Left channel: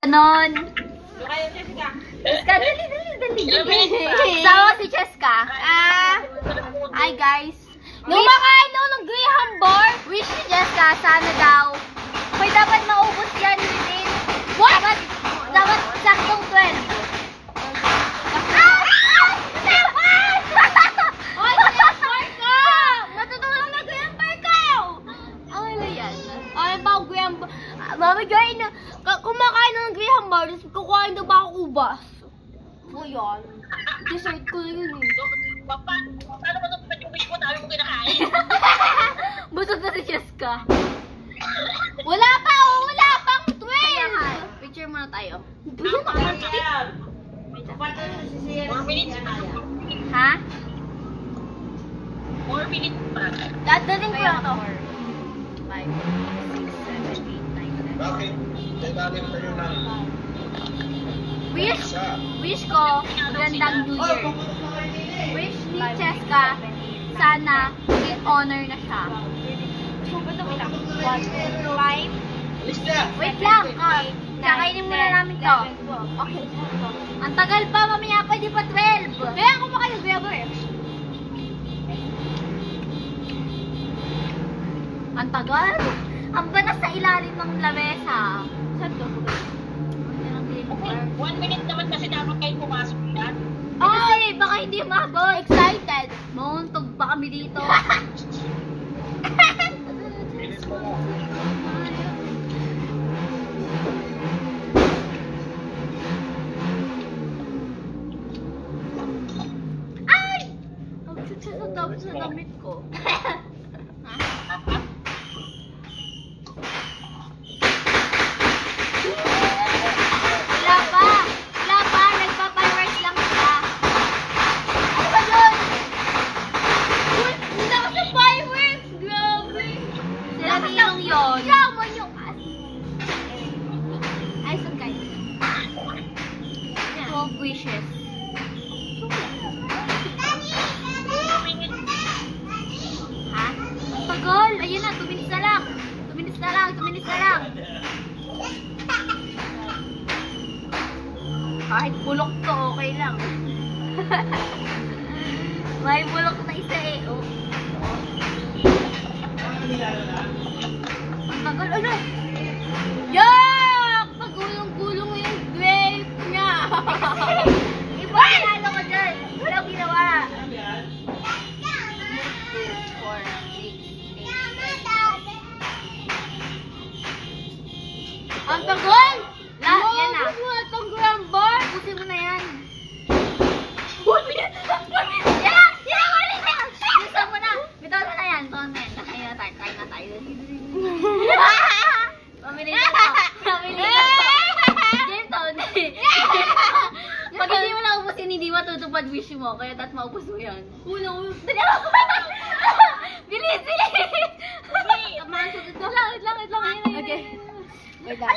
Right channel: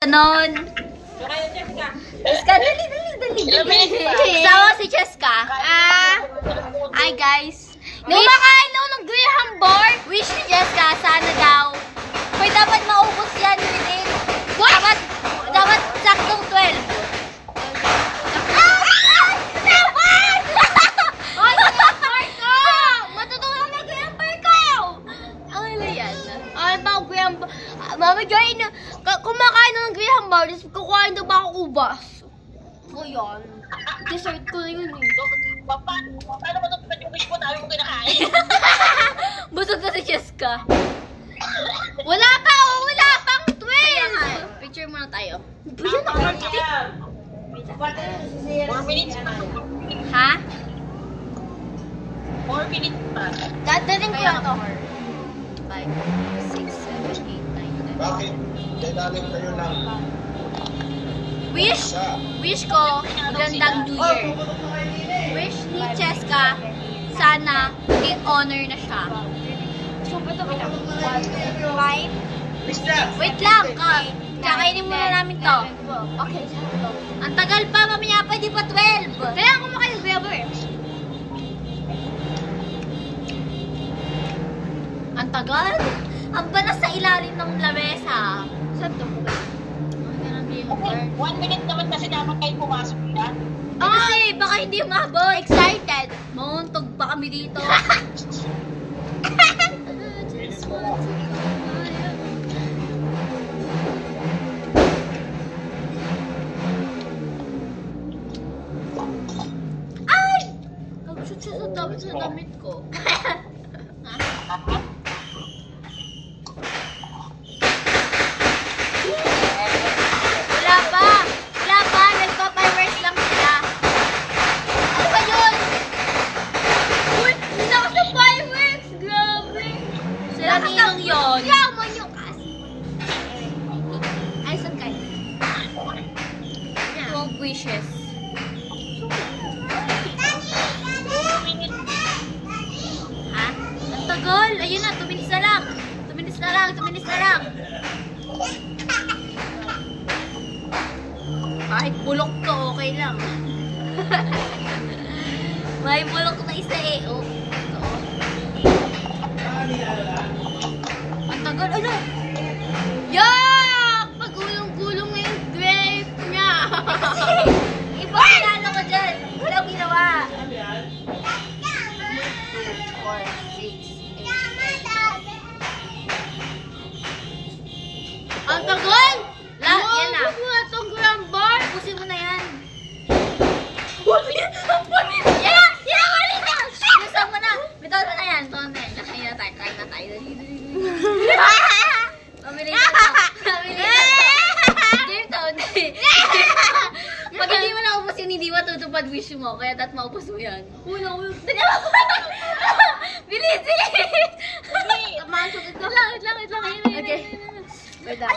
Ganon. Cheska, dali. Sawa si Cheska. Hi guys. Kumakain daw ng Graham bar. Wish ni Cheska, sana daw. Hoy, dapat maubos yan within. Dapat saktong 12. Mamigay na, kumakain na ng Graham bar, tapos kukuhain daw ba ako ubas? O yan, dessert ko na yun eh. Paano mo ito yung wish mo? Dami mo kinakain. Busog na si Cheska. Wala pang 12! Picture muna tayo. Yan ang artik. 4 minutes pa. Ha? 4 minutes pa. Dadaling ko lang to. 5, 6, 7, 8, 9, 10. Bakit? Dadaling tayo lang. Wish ko, magandang New Year. Wish ni Cheska, sana maging honor na siya. Wait lang, kakainin muna namin to. Okay. Ang tagal pa, mamaya pwede pa 12. Kaya ako makayag-grabber eh. Ang tagal. Ang banas sa ilalim ng lamesa. Saan to? 1 minute naman kasi dapat kayo pumasok yan. Kasi baka hindi umabot. Excited. Mauntog pa kami dito. Ay! Nag-shoot siya sa damit ko. Ninong yun. Yaman yung kasi. Ay, saan kayo? 12 wishes. Ha? Ang tagal. Ayun na, 2 minutes na lang. 2 minutes na lang, 2 minutes na lang. Kahit bulok to, okay lang. May bulok na isa eh. Oh. Ang tagal. Ano? Yak! Pagulong-gulong na yung grape niya. Iba kinano ko dyan. Walang ginawa. 2, 4, 6, 8. Ang tagal! Lahat yan ah. Itong Graham bar. Pusin mo na yan. Yan! Wali na! Gusto mo na. Bitaw mo na yan. Kain na tayo. Mamili na to. Game to. Pag hindi mo naubusin, hindi matutupad wish mo. Kaya dapat maubos mo yan. Bilis! Wait lang. Okay. Wait lang.